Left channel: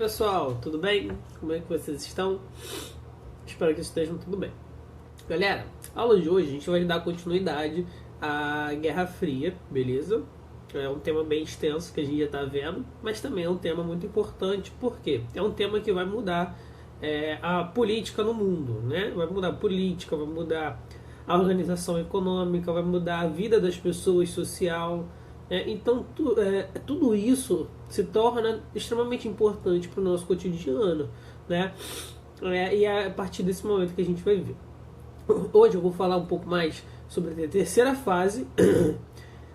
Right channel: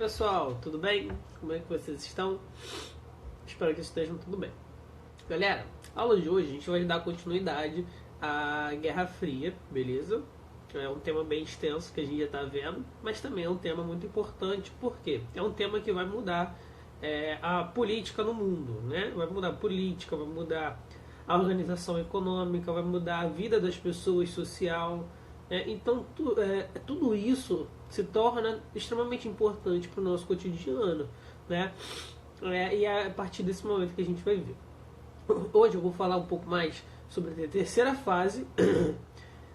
pessoal, tudo bem? Como é que vocês estão? Espero que estejam tudo bem. Galera, a aula de hoje a gente vai dar continuidade à Guerra Fria, beleza? É um tema bem extenso que a gente já está vendo, mas também é um tema muito importante, porque é um tema que vai mudar a política no mundo, né? Vai mudar a política, vai mudar a organização econômica, vai mudar a vida das pessoas, social. Então, tudo isso se torna extremamente importante para o nosso cotidiano, né? E é a partir desse momento que a gente vai ver. Hoje eu vou falar um pouco mais sobre a terceira fase,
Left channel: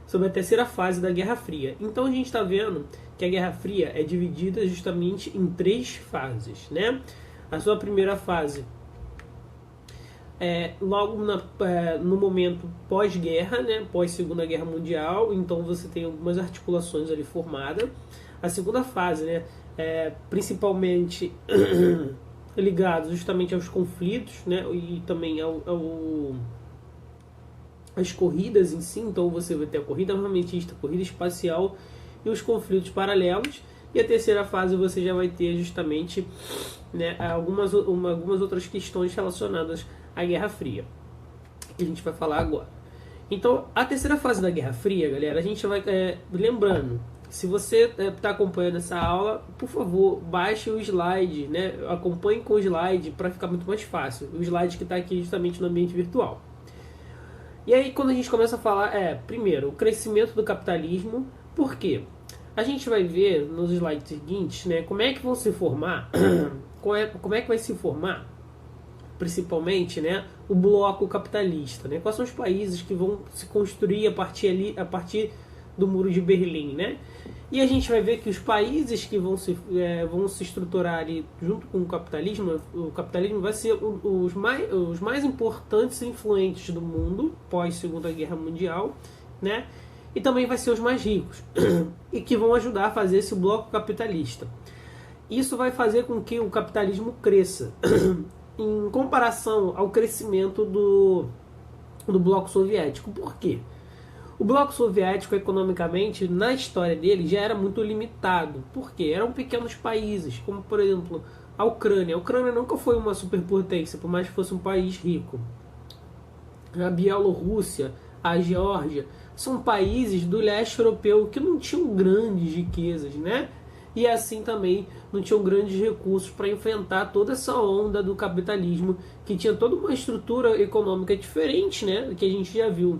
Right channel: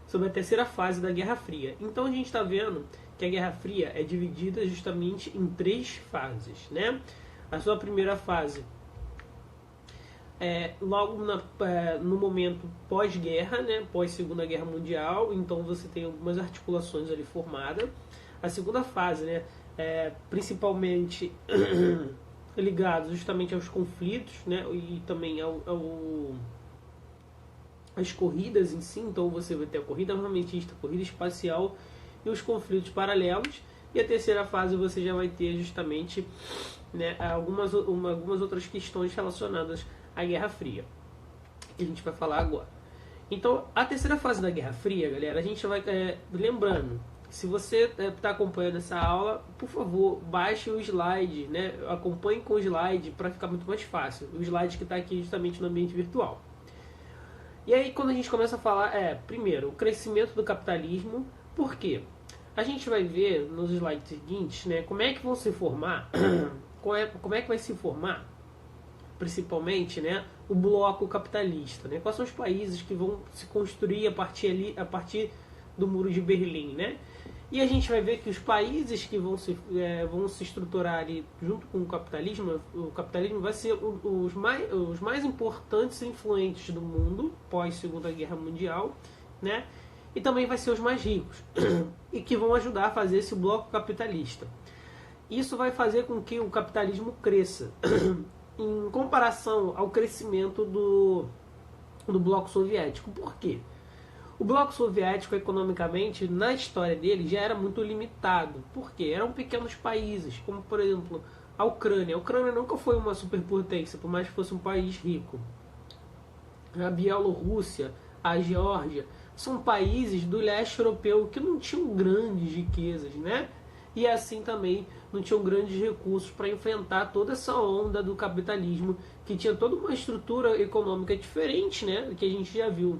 sobre a terceira fase da Guerra Fria. Então a gente está vendo que a Guerra Fria é dividida justamente em três fases, né? A sua primeira fase logo no momento pós-guerra, né, pós-Segunda Guerra Mundial, então você tem algumas articulações ali formadas. A segunda fase, né, principalmente ligado justamente aos conflitos, né, e também às corridas em si, então você vai ter a corrida armamentista, a corrida espacial e os conflitos paralelos. E a terceira fase você já vai ter justamente, né, algumas outras questões relacionadas à Guerra Fria, que a gente vai falar agora. Então, a terceira fase da Guerra Fria, galera, a gente vai lembrando, se você está acompanhando essa aula, por favor, baixe o slide, né, acompanhe com o slide para ficar muito mais fácil. O slide que está aqui justamente no ambiente virtual. E aí, quando a gente começa a falar, primeiro, o crescimento do capitalismo. Por quê? A gente vai ver nos slides seguintes, né, como é que vão se formar, como é que vai se formar, principalmente, né, o bloco capitalista, né? Quais são os países que vão se construir a partir do Muro de Berlim, né? E a gente vai ver que os países que vão se estruturar ali junto com o capitalismo vai ser os mais importantes e influentes do mundo pós Segunda Guerra Mundial, né? E também vai ser os mais ricos e que vão ajudar a fazer esse bloco capitalista. Isso vai fazer com que o capitalismo cresça em comparação ao crescimento do bloco soviético. Por quê? O bloco soviético, economicamente, na história dele, já era muito limitado. Por quê? Eram pequenos países, como, por exemplo, a Ucrânia. A Ucrânia nunca foi uma superpotência, por mais que fosse um país rico. A Bielorrússia, a Geórgia, são países do leste europeu que não tinham grandes riquezas, né? E assim também não tinham grandes recursos para enfrentar toda essa onda do capitalismo, que tinha toda uma estrutura econômica diferente, né, que a gente já viu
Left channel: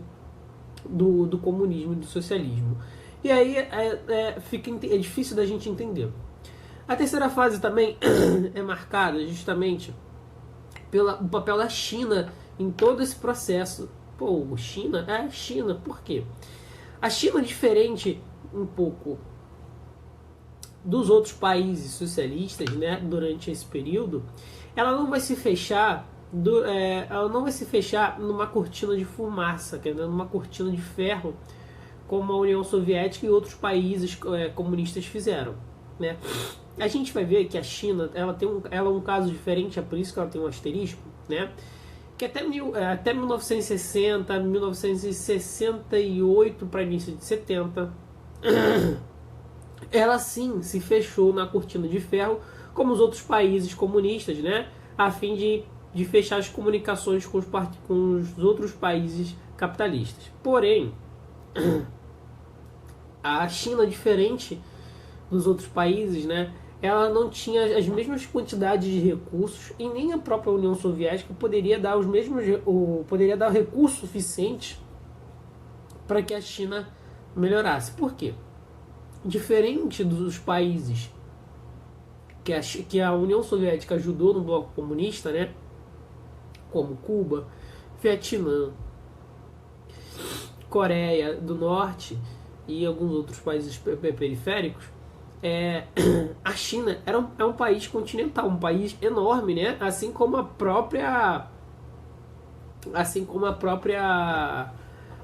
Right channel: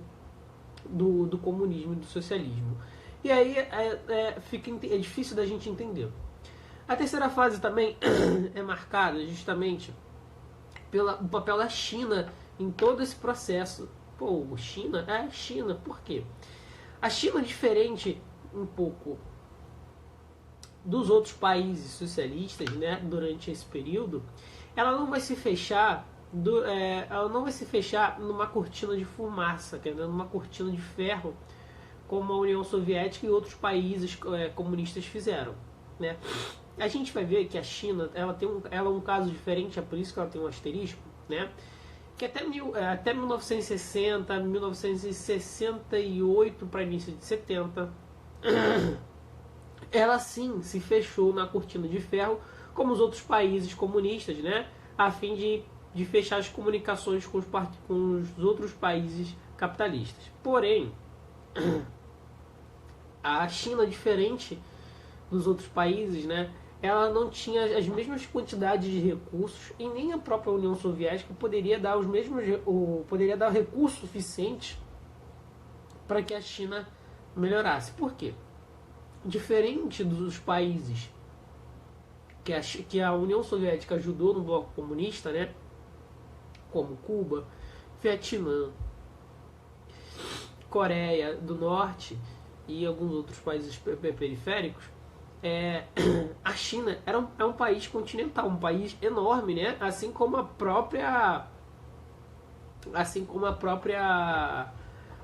do comunismo e do socialismo. E aí é difícil da gente entender. A terceira fase também é marcada justamente pelo papel da China em todo esse processo. Pô, China? China, por quê? A China, diferente um pouco dos outros países socialistas, né, durante esse período, ela não vai se fechar numa cortina de fumaça, quer dizer, numa cortina de ferro, como a União Soviética e outros países comunistas fizeram, né? A gente vai ver que a China ela é um caso diferente, é por isso que ela tem um asterisco, né? Que até 1960, 1968 para início de 70, ela sim se fechou na cortina de ferro, como os outros países comunistas, né, a fim de fechar as comunicações com os outros países capitalistas. Porém, a China, diferente dos outros países, né, ela não tinha as mesmas quantidades de recursos, e nem a própria União Soviética poderia dar recursos suficientes para que a China melhorasse. Por quê? Diferente dos países que a União Soviética ajudou no bloco comunista, né, como Cuba, Vietnã, Coreia do Norte e alguns outros países periféricos, a China é um país continental, um país enorme, né? Assim como a própria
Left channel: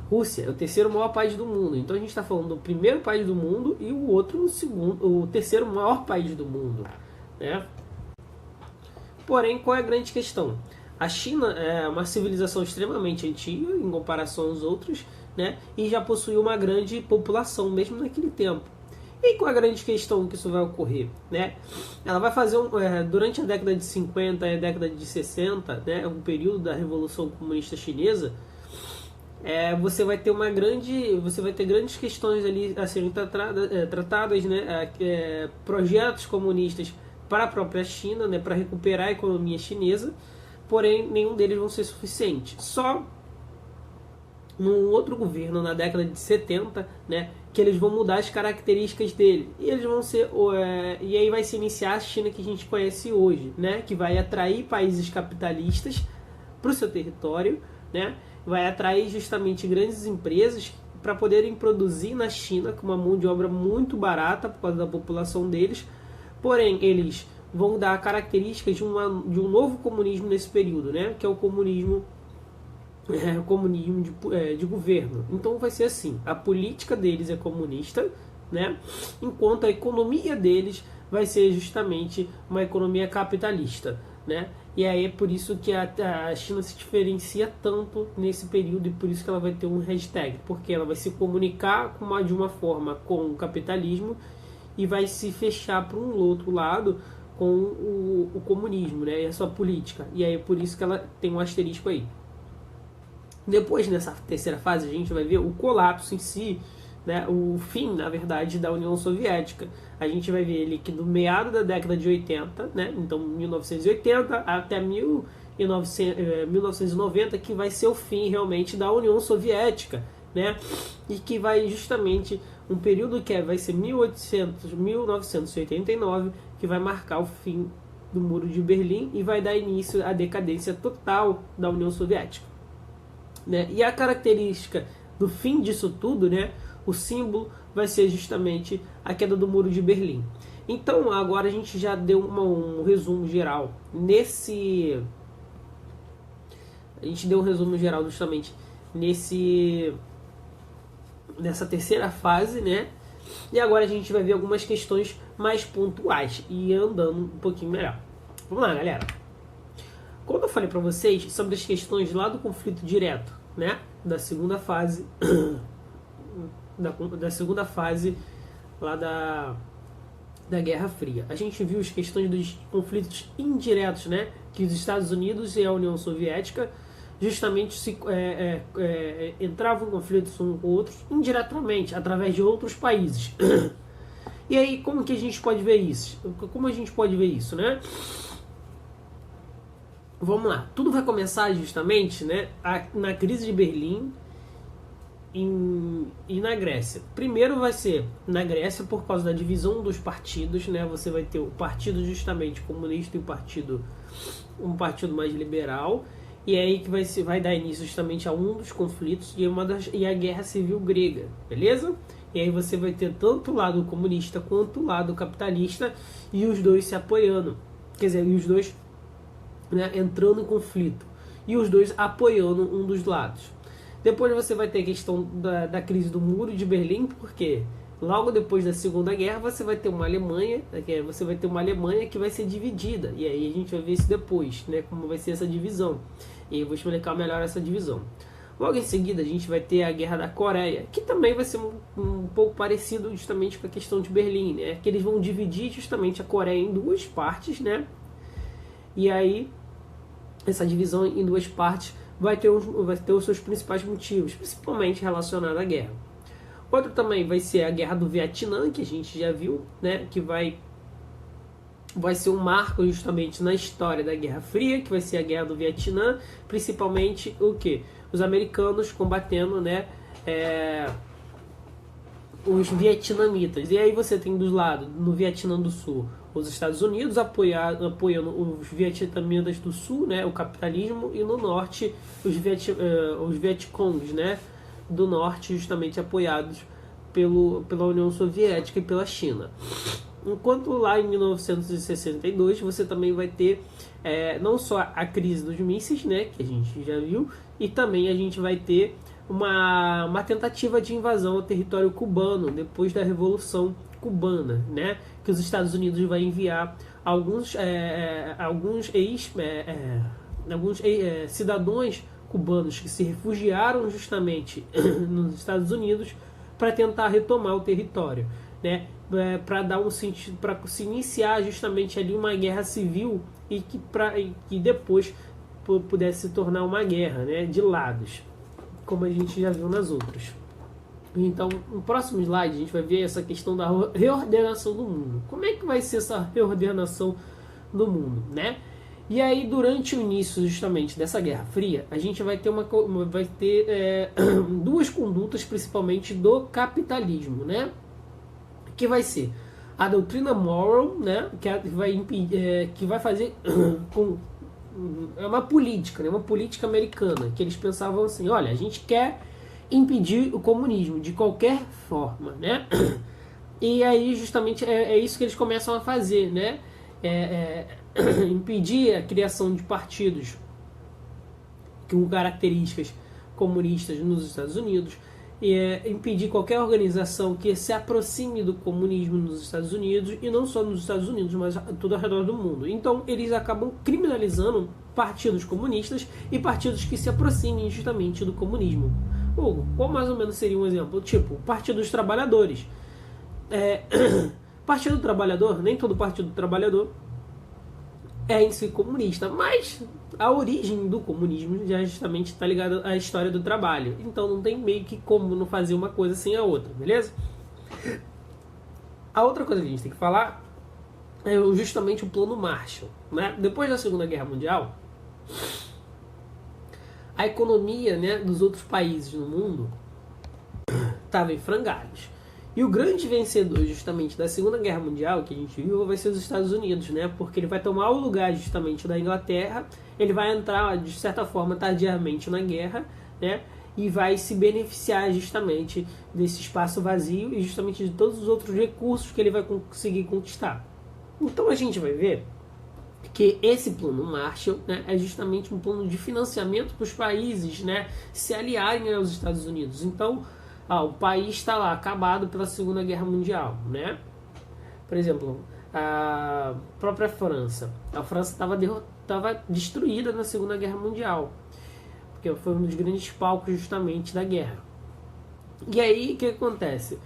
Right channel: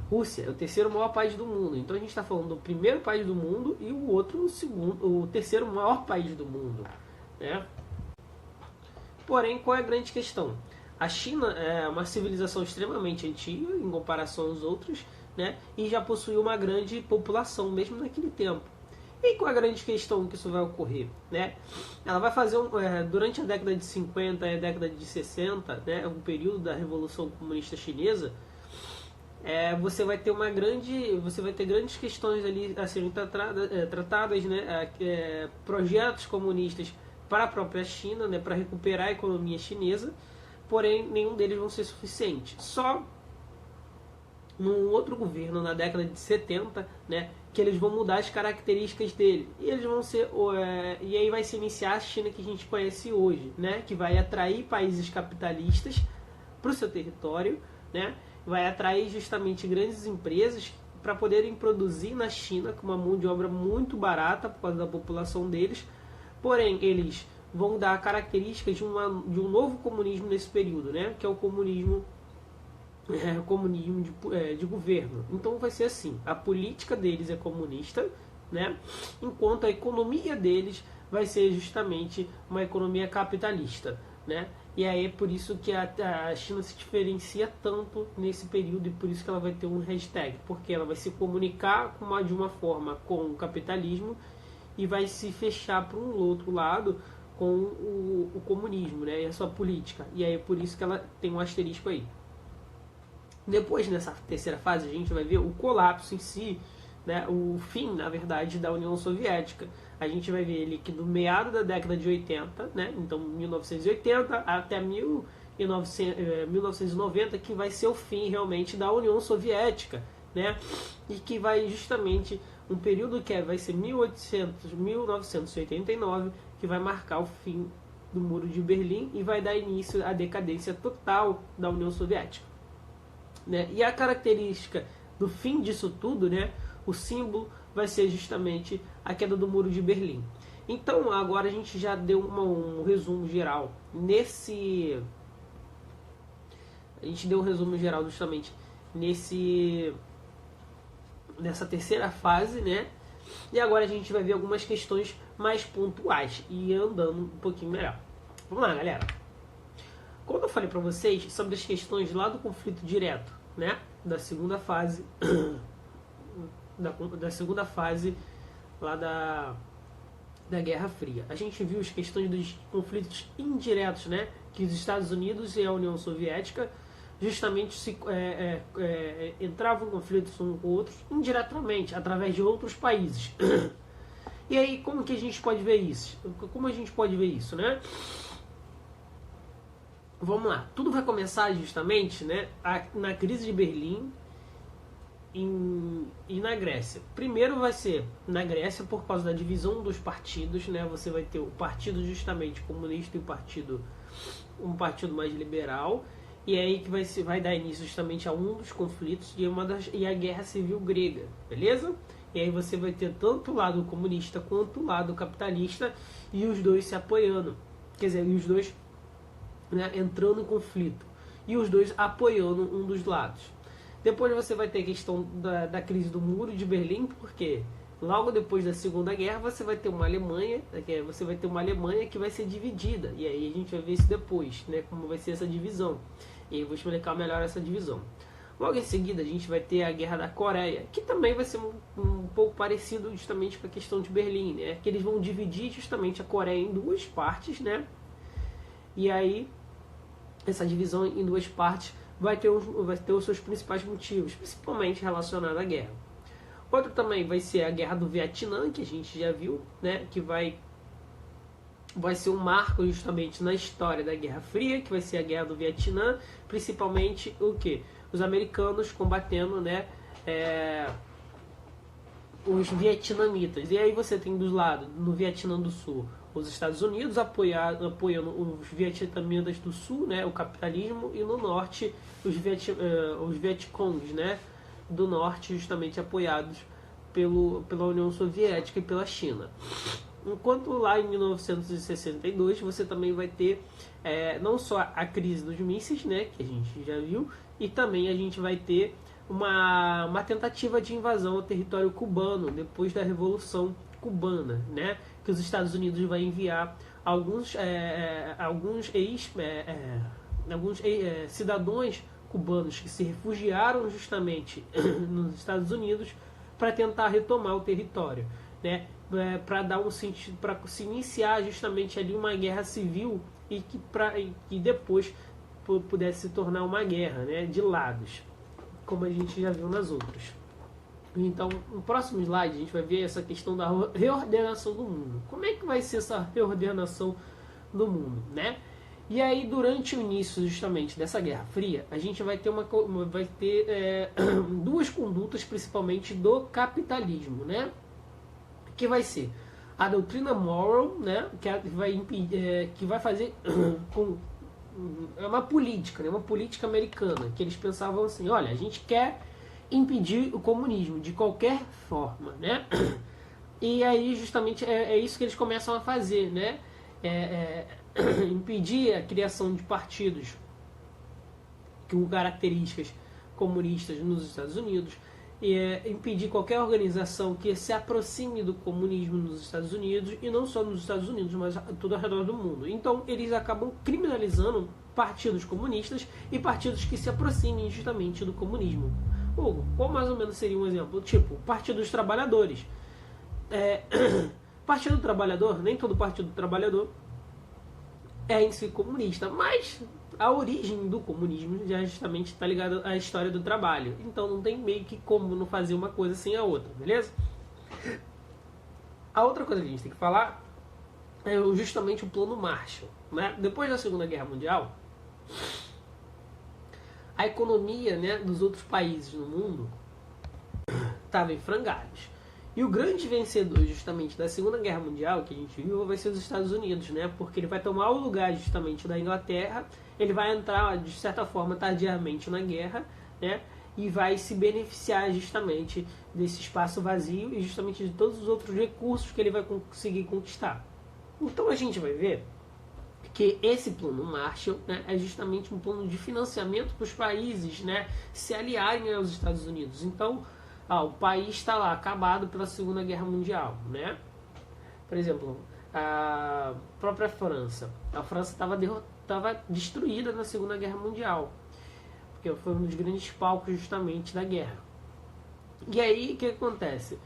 Rússia, é o terceiro maior país do mundo. Então a gente está falando do primeiro país do mundo e o terceiro maior país do mundo, né? Porém, qual é a grande questão? A China é uma civilização extremamente antiga em comparação aos outros, né? E já possuía uma grande população mesmo naquele tempo. E qual é a grande questão que isso vai ocorrer? Né? Ela vai fazer, durante a década de 50 e a década de 60, né, um período da Revolução Comunista Chinesa, você vai ter grandes questões ali a serem tratadas, né, projetos comunistas para a própria China, né, para recuperar a economia chinesa, porém nenhum deles vão ser suficiente. Só num outro governo na década de 70, né, que eles vão mudar as características dele. E eles vão ser e aí vai se iniciar a China que a gente conhece hoje, né, que vai atrair países capitalistas para o seu território, né, vai atrair justamente grandes empresas para poderem produzir na China com uma mão de obra muito barata por causa da população deles. Porém, eles vão dar características de um novo comunismo nesse período, né, que é o comunismo de governo. Então vai ser assim, a política deles é comunista, né, enquanto a economia deles vai ser justamente uma economia capitalista, né. E aí é por isso que a China se diferencia tanto nesse período e por isso que ela vai ter um hashtag, porque ela vai se comunicar de uma forma com o capitalismo e vai se fechar para um outro lado com o comunismo, né, e a sua política. E aí é por isso que ela tem um asterisco aí. Depois, nessa terceira fase, a gente vai ver o colapso em si, né, o fim, na verdade, da União Soviética. A gente vai ver ele que no meado da década de 80, né, então 1980 até 1990, que vai ser o fim realmente da União Soviética, né, e que vai justamente um período que vai ser 1989, que vai marcar o fim do Muro de Berlim e vai dar início à decadência total da União Soviética. Né? E a característica do fim disso tudo, né, o símbolo vai ser justamente a queda do Muro de Berlim. Então agora a gente já deu um resumo geral a gente deu um resumo geral justamente nessa terceira fase, né? E agora a gente vai ver algumas questões mais pontuais e andando um pouquinho melhor. Vamos lá, galera. Quando eu falei para vocês sobre as questões lá do conflito direto, né, da segunda fase, da segunda fase lá da Guerra Fria, a gente viu as questões dos conflitos indiretos, né, que os Estados Unidos e a União Soviética justamente entravam em conflitos uns com outros indiretamente, através de outros países. E aí, como que a gente pode ver isso? Como a gente pode ver isso, né? Vamos lá, tudo vai começar justamente, né, na crise de Berlim e na Grécia. Primeiro vai ser na Grécia por causa da divisão dos partidos, né? Você vai ter o partido justamente comunista e um partido mais liberal, e é aí que vai dar início justamente a um dos conflitos e a Guerra Civil Grega, beleza? E aí você vai ter tanto o lado comunista quanto o lado capitalista e os dois se apoiando, quer dizer, e os dois, né, entrando em conflito e os dois apoiando um dos lados. Depois você vai ter a questão da crise do Muro de Berlim, porque logo depois da Segunda Guerra você vai ter uma Alemanha, que vai ser dividida, e aí a gente vai ver isso depois, né, como vai ser essa divisão, e eu vou explicar melhor essa divisão. Logo em seguida a gente vai ter a Guerra da Coreia, que também vai ser um pouco parecido justamente com a questão de Berlim, né, que eles vão dividir justamente a Coreia em duas partes, né, e aí essa divisão em duas partes vai ter os seus principais motivos, principalmente relacionado à guerra. Outro também vai ser a Guerra do Vietnã, que a gente já viu, né, que vai ser um marco justamente na história da Guerra Fria, que vai ser a Guerra do Vietnã, principalmente o quê? Os americanos combatendo, né, os vietnamitas. E aí você tem dos lados, no Vietnã do Sul, os Estados Unidos apoiando os vietnamitas do Sul, né, o capitalismo, e no Norte os Vietcongs, né, do Norte, justamente apoiados pela União Soviética e pela China. Enquanto lá em 1962 você também vai ter não só a crise dos mísseis, né, que a gente já viu, e também a gente vai ter uma tentativa de invasão ao território cubano depois da Revolução Cubana, né, que os Estados Unidos vai enviar alguns cidadãos cubanos que se refugiaram justamente nos Estados Unidos para tentar retomar o território, né? para dar um sentido, para se iniciar justamente ali uma guerra civil e que depois pudesse se tornar uma guerra, né, de lados, como a gente já viu nas outras. Então, no próximo slide, a gente vai ver essa questão da reordenação do mundo. Como é que vai ser essa reordenação do mundo, né? E aí, durante o início justamente dessa Guerra Fria, a gente vai ter, duas condutas, principalmente do capitalismo, né? Que vai ser a doutrina Monroe, né? Que vai fazer é uma política, né? Uma política americana, que eles pensavam assim: olha, a gente quer impedir o comunismo de qualquer forma, né? E aí justamente é isso que eles começam a fazer, né? Impedir a criação de partidos com características comunistas nos Estados Unidos, impedir qualquer organização que se aproxime do comunismo nos Estados Unidos, e não só nos Estados Unidos, mas todo ao redor do mundo. Então eles acabam criminalizando partidos comunistas e partidos que se aproximem justamente do comunismo. Qual mais ou menos seria um exemplo? Tipo, Partido dos Trabalhadores. Partido do Trabalhador, nem todo Partido do Trabalhador é em si comunista, mas a origem do comunismo já justamente está ligada à história do trabalho. Então não tem meio que como não fazer uma coisa sem a outra, beleza? A outra coisa que a gente tem que falar é justamente o Plano Marshall, né? Depois da Segunda Guerra Mundial, a economia, né, dos outros países no mundo estava em frangalhos. E o grande vencedor justamente da Segunda Guerra Mundial, que a gente viu, vai ser os Estados Unidos, né? Porque ele vai tomar o lugar justamente da Inglaterra, ele vai entrar, de certa forma, tardiamente na guerra, né? E vai se beneficiar justamente desse espaço vazio e justamente de todos os outros recursos que ele vai conseguir conquistar. Então a gente vai ver que esse plano Marshall, né, é justamente um plano de financiamento para os países, né, se aliarem aos Estados Unidos. Então, o país está lá acabado pela Segunda Guerra Mundial, né? Por exemplo, a própria França. A França estava destruída na Segunda Guerra Mundial, porque foi um dos grandes palcos justamente da guerra. E aí, o que acontece?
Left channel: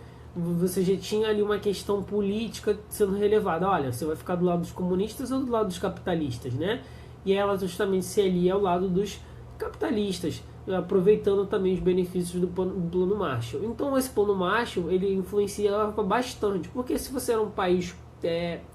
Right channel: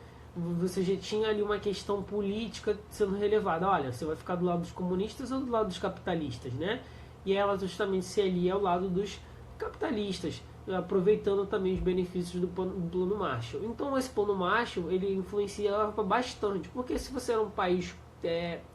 Você já tinha ali uma questão política sendo relevada. Olha, você vai ficar do lado dos comunistas ou do lado dos capitalistas, né? E ela justamente se alia ao lado dos capitalistas, aproveitando também os benefícios do plano Marshall. Então esse plano Marshall, ele influenciava bastante, porque se você era um país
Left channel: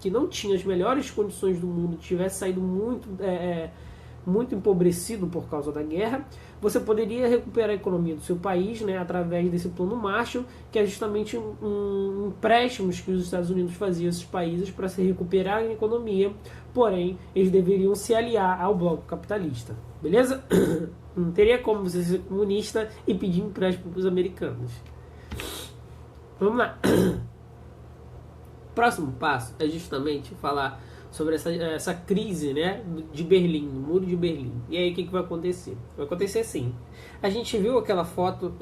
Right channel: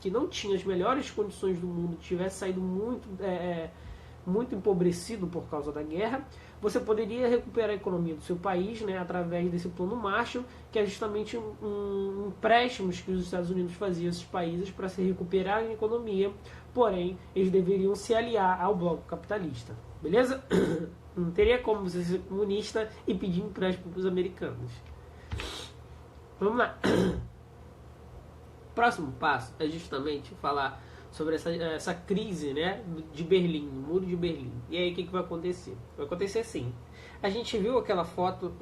que não tinha as melhores condições do mundo, tivesse saído muito empobrecido por causa da guerra, você poderia recuperar a economia do seu país, né, através desse plano Marshall, que é justamente um empréstimo que os Estados Unidos faziam a esses países para se recuperarem a economia, porém eles deveriam se aliar ao bloco capitalista. Beleza? Não teria como você ser comunista e pedir empréstimo para os americanos. Vamos lá. O próximo passo é justamente falar sobre essa crise, né, de Berlim, do Muro de Berlim. E aí o que vai acontecer? Vai acontecer assim. A gente viu aquela foto,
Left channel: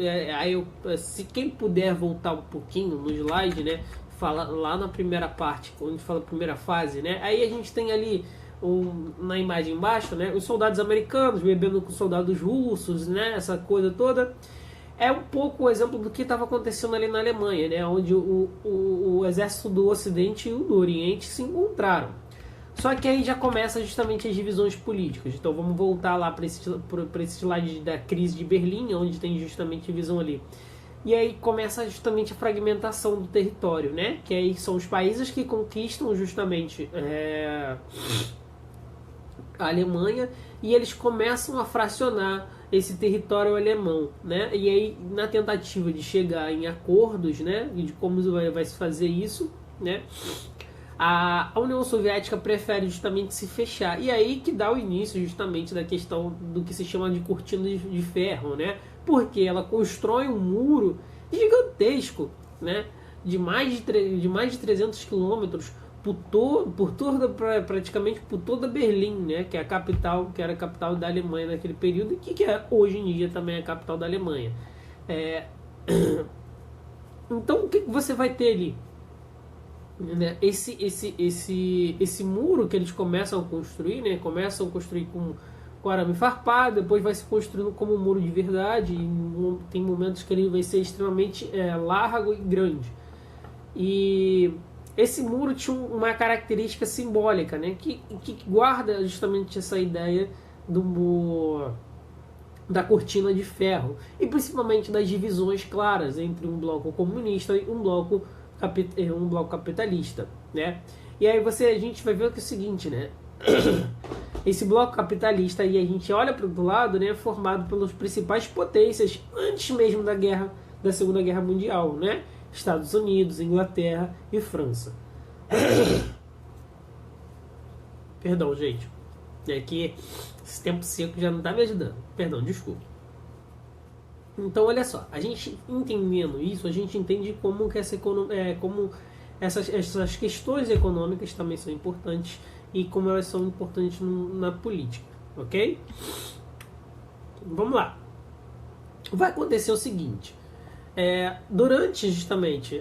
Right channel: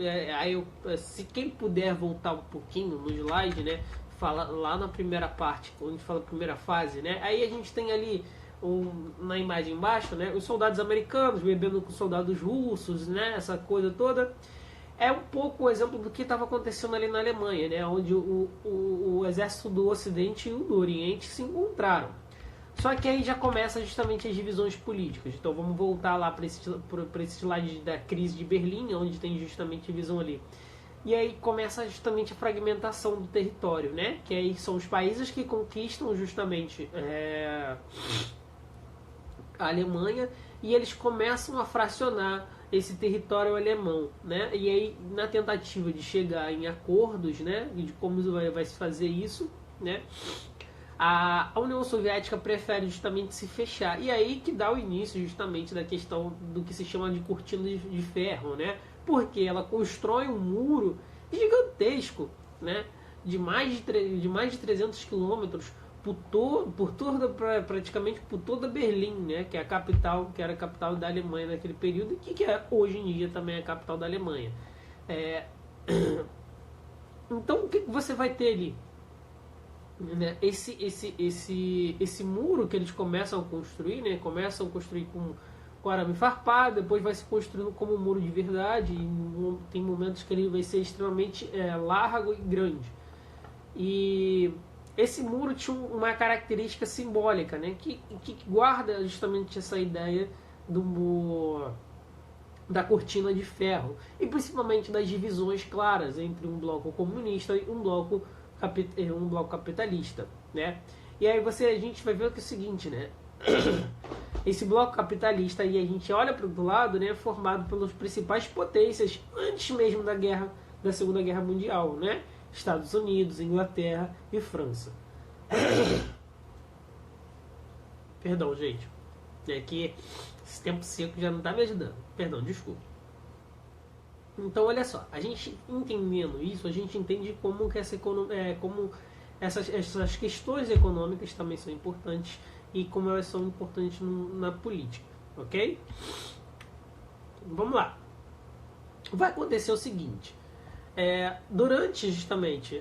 se quem puder voltar um pouquinho no slide, né, fala lá na primeira parte, onde fala a primeira fase, né, aí a gente tem ali na imagem embaixo, né, os soldados americanos bebendo com soldados russos, né, essa coisa toda. É um pouco o exemplo do que estava acontecendo ali na Alemanha, né, onde o exército do Ocidente e o do Oriente se encontraram. Só que aí já começa justamente as divisões políticas. Então vamos voltar lá para esse slide da crise de Berlim, onde tem justamente divisão ali. E aí começa justamente a fragmentação do território, né, que aí são os países que conquistam justamente a Alemanha, e eles começam a fracionar esse território alemão, né? E aí na tentativa de chegar em acordos, né, de como vai se fazer isso, né, a União Soviética prefere justamente se fechar. E aí que dá o início justamente da questão do que se chama de cortina de ferro, né? Porque ela constrói um muro gigantesco, né, de mais de 300 quilômetros praticamente por toda Berlim, né, que é a capital, que era a capital da Alemanha naquele período, e que é hoje em dia também a capital da Alemanha. Então o que você vai ter ali? Né? Esse muro que eles começam a construir, né, começam a construir com arame farpado, depois vai se construindo como um muro de verdade, e tem momentos que ele vai ser extremamente largo e grande. E esse muro tinha uma característica simbólica, né, que guarda justamente essa ideia da cortina de ferro e principalmente das divisões claras entre um bloco comunista e um bloco capitalista, né? E aí a gente vai ver que é o seguinte, né? Esse bloco capitalista, e a gente olha para o outro lado, né, é formado pelas principais potências antes mesmo da Segunda Guerra Mundial, né? Estados Unidos, Inglaterra e França. Perdão, gente. É que esse tempo seco já não está me ajudando. Perdão, desculpa. Então, olha só. A gente entendendo isso, a gente entende como que como essas questões econômicas também são importantes e como elas são importantes na política, ok? Vamos lá. Vai acontecer o seguinte. Durante justamente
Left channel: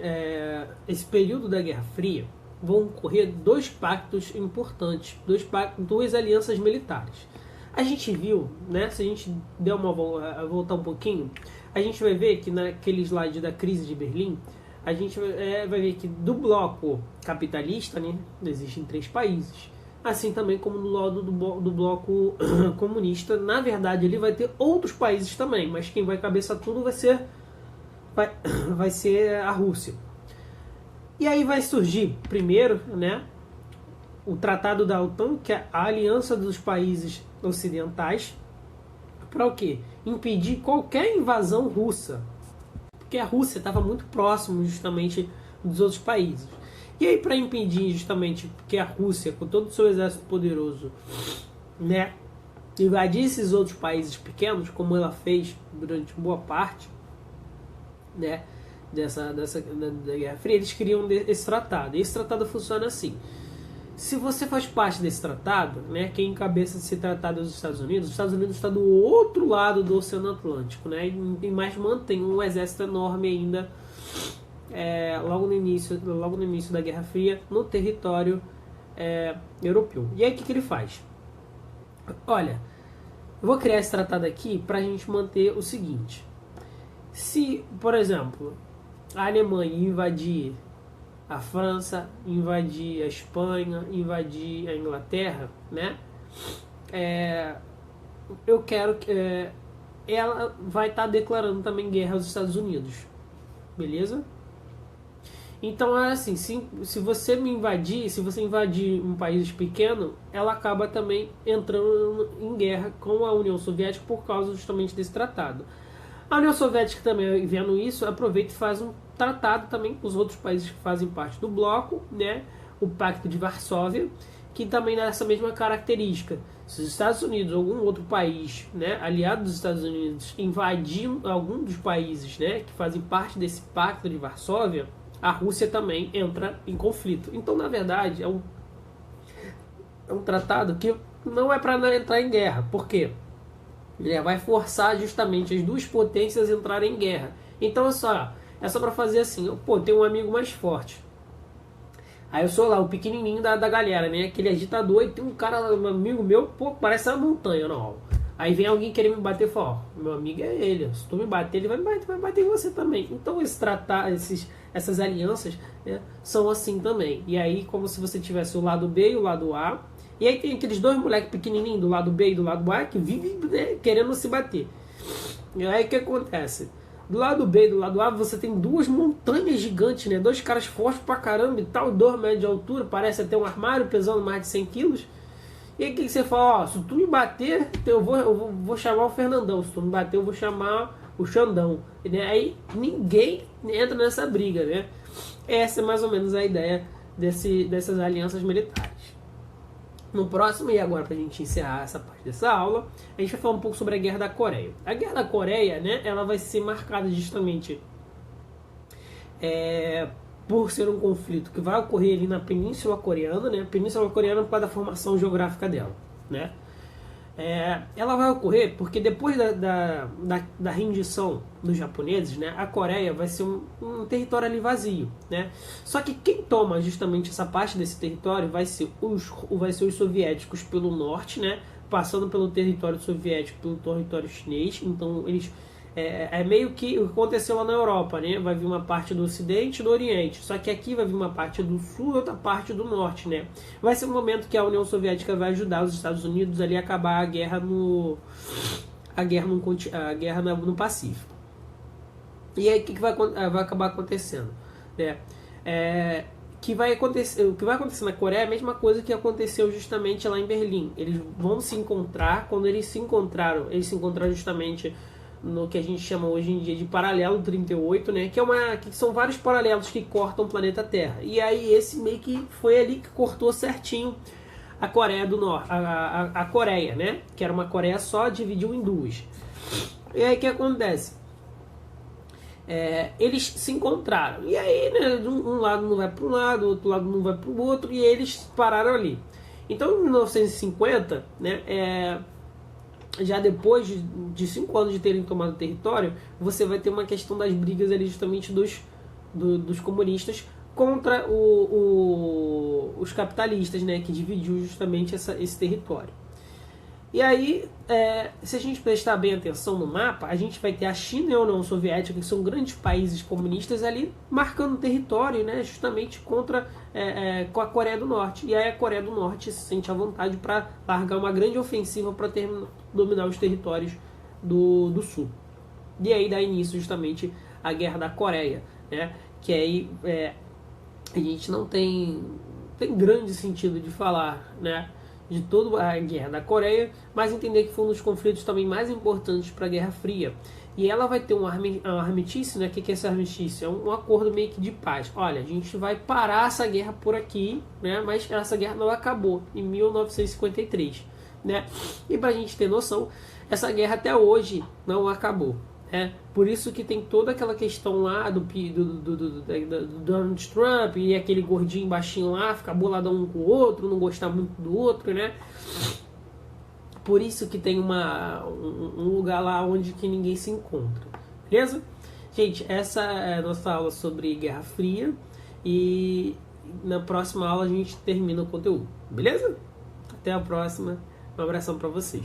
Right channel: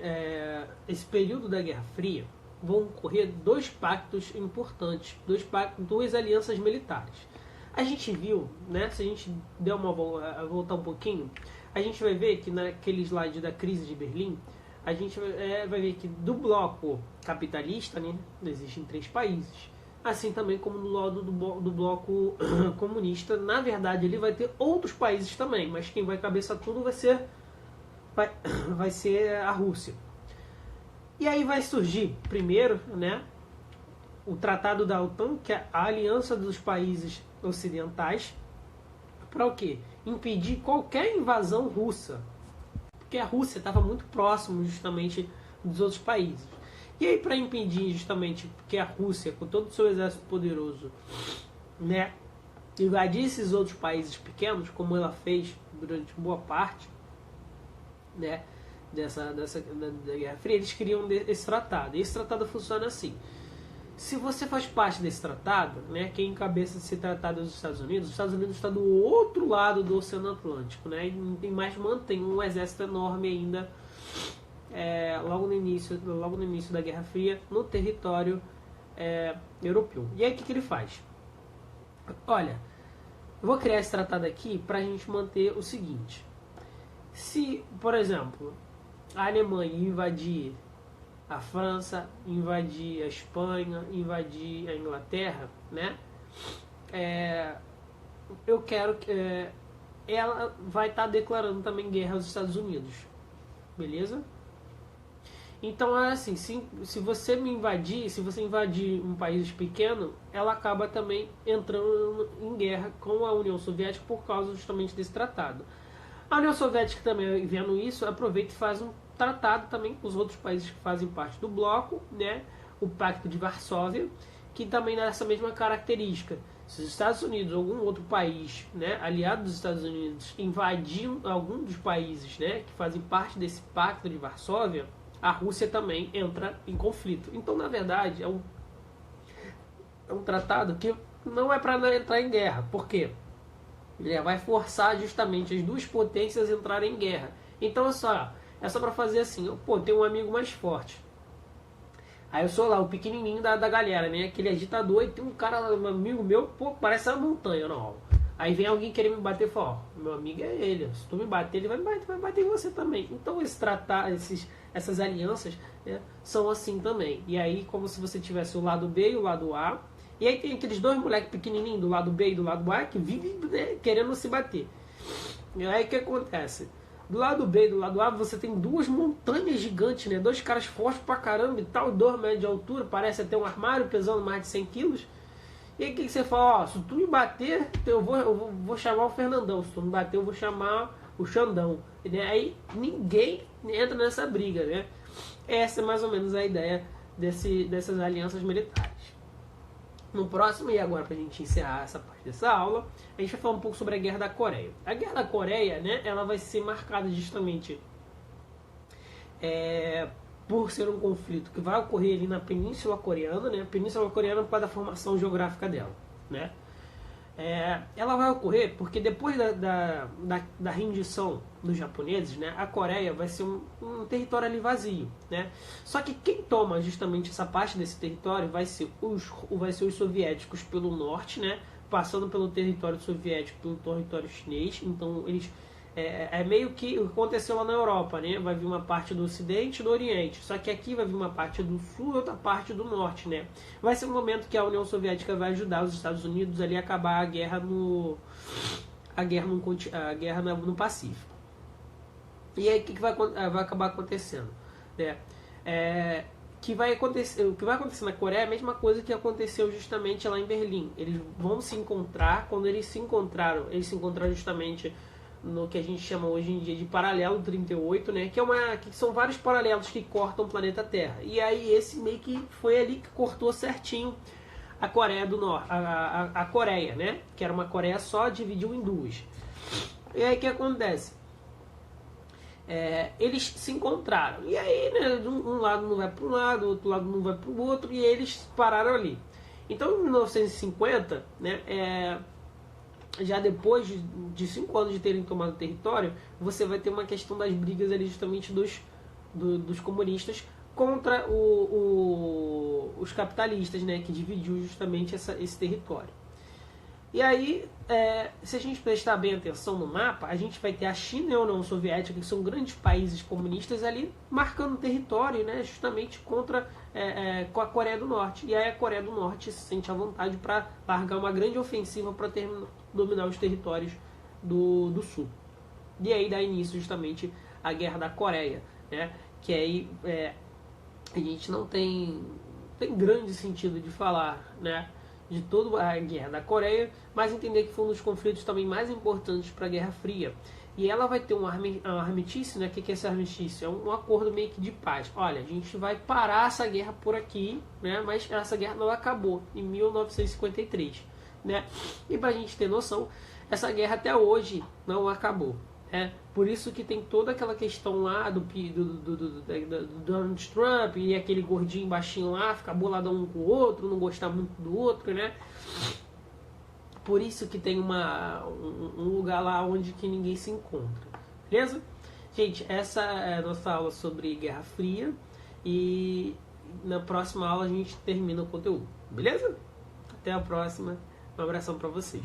esse período da Guerra Fria, vão ocorrer dois pactos importantes, duas alianças militares. A gente viu, né, se a gente der voltar um pouquinho, a gente vai ver que naquele slide da crise de Berlim, a gente vai ver que do bloco capitalista, né, existem 3 países. Assim também como no lado do bloco comunista, na verdade ele vai ter outros países também, mas quem vai cabeçar tudo vai ser a Rússia. E aí vai surgir, primeiro, né, o Tratado da OTAN, que é a aliança dos países ocidentais, para o quê? Impedir qualquer invasão russa. Porque a Rússia estava muito próximo, justamente, dos outros países. E aí, para impedir, justamente, que a Rússia, com todo o seu exército poderoso, né, invadisse esses outros países pequenos, como ela fez durante boa parte, né, da Guerra Fria, eles criam esse tratado. E esse tratado funciona assim. Se você faz parte desse tratado, né, quem encabeça esse tratado é os Estados Unidos está do outro lado do Oceano Atlântico, né, e mais mantém um exército enorme ainda logo no início da Guerra Fria no território europeu. E aí o que ele faz? Olha, eu vou criar esse tratado aqui para a gente manter o seguinte. Se, por exemplo, a Alemanha invadir a França, invadir a Espanha, invadir a Inglaterra, né? Eu quero que ela vai estar declarando também guerra aos Estados Unidos, beleza? Então é assim, se você invadir um país pequeno, ela acaba também entrando em guerra com a União Soviética por causa justamente desse tratado. A União Soviética também, vendo isso, aproveita e faz um tratado também com os outros países que fazem parte do bloco, né? O Pacto de Varsóvia, que também dá essa mesma característica. Se os Estados Unidos ou algum outro país, né, aliado dos Estados Unidos, invadir algum dos países, né, que fazem parte desse Pacto de Varsóvia, a Rússia também entra em conflito. Então, na verdade, é um tratado que não é para entrar em guerra. Por quê? Ele vai forçar justamente as duas potências a entrarem em guerra. Então é só para fazer assim, tem um amigo mais forte. Aí eu sou lá, o pequenininho da galera, né? Aquele agitador, e tem um cara, um amigo meu, parece uma montanha, não. Aí vem alguém querer me bater e fala, meu amigo é ele, se tu me bater, ele vai bater em você também. Então essas alianças, né, são assim também. E aí, como se você tivesse o lado B e o lado A. E aí tem aqueles dois moleques pequenininhos do lado B e do lado A que vivem, né, querendo se bater. E aí o que acontece? Do lado B e do lado A você tem duas montanhas gigantes, né? Dois caras fortes pra caramba e tal, 2 metros de altura, parece até um armário pesando mais de 100 quilos. E aí o que você fala? Se tu me bater, eu vou chamar o Fernandão. Se tu me bater, eu vou chamar o Xandão. Né? Aí ninguém entra nessa briga, né? Essa é mais ou menos a ideia dessas alianças militares. No próximo, e agora para a gente encerrar essa parte dessa aula, a gente vai falar um pouco sobre a Guerra da Coreia. A Guerra da Coreia, né, ela vai ser marcada justamente por ser um conflito que vai ocorrer ali na Península Coreana, né? A Península Coreana por causa da formação geográfica dela, né? Ela vai ocorrer porque depois da rendição dos japoneses, né, a Coreia vai ser um território ali vazio, né? Só que quem toma justamente essa parte desse território vai ser os soviéticos pelo norte, né, passando pelo território soviético, pelo território chinês. Então eles É meio que o que aconteceu lá na Europa, né? Vai vir uma parte do Ocidente e do Oriente. Só que aqui vai vir uma parte do Sul e outra parte do Norte, né? Vai ser um momento que a União Soviética vai ajudar os Estados Unidos ali a acabar a guerra no Pacífico. E aí o que vai acabar acontecendo? O que vai acontecer na Coreia é a mesma coisa que aconteceu justamente lá em Berlim. Eles vão se encontrar, quando eles se encontraram justamente no que a gente chama hoje em dia de paralelo 38, né? Que são vários paralelos que cortam o planeta Terra. E aí esse meio que foi ali que cortou certinho a Coreia do Norte, a Coreia, né? Que era uma Coreia só, dividiu em duas. E aí o que acontece? Eles se encontraram. E aí, né, um lado não vai para um lado, o outro lado não vai para o outro, e eles pararam ali. Então, em 1950, né, já depois de 5 anos de terem tomado o território, você vai ter uma questão das brigas ali justamente dos comunistas contra os capitalistas, né, que dividiu justamente esse território. E aí, se a gente prestar bem atenção no mapa, a gente vai ter a China e a União Soviética, que são grandes países comunistas ali, marcando território, né, justamente com a Coreia do Norte. E aí a Coreia do Norte se sente à vontade para largar uma grande ofensiva para dominar os territórios do Sul. E aí dá início justamente à Guerra da Coreia, né, que aí a gente não tem grande sentido de falar, né, de toda a Guerra da Coreia, mas entender que foi um dos conflitos também mais importantes para a Guerra Fria. E ela vai ter um armistício, né? O que é esse armistício? É um acordo meio que de paz. Olha, a gente vai parar essa guerra por aqui, né? Mas essa guerra não acabou em 1953, né? E para a gente ter noção, essa guerra até hoje não acabou. Por isso que tem toda aquela questão lá do Donald Trump e aquele gordinho baixinho lá, ficar boladão um com o outro, não gostar muito do outro, né? Por isso que tem um lugar lá onde que ninguém se encontra. Beleza? Gente, essa é a nossa aula sobre Guerra Fria. E na próxima aula a gente termina o conteúdo. Beleza? Até a próxima. Um abração para vocês.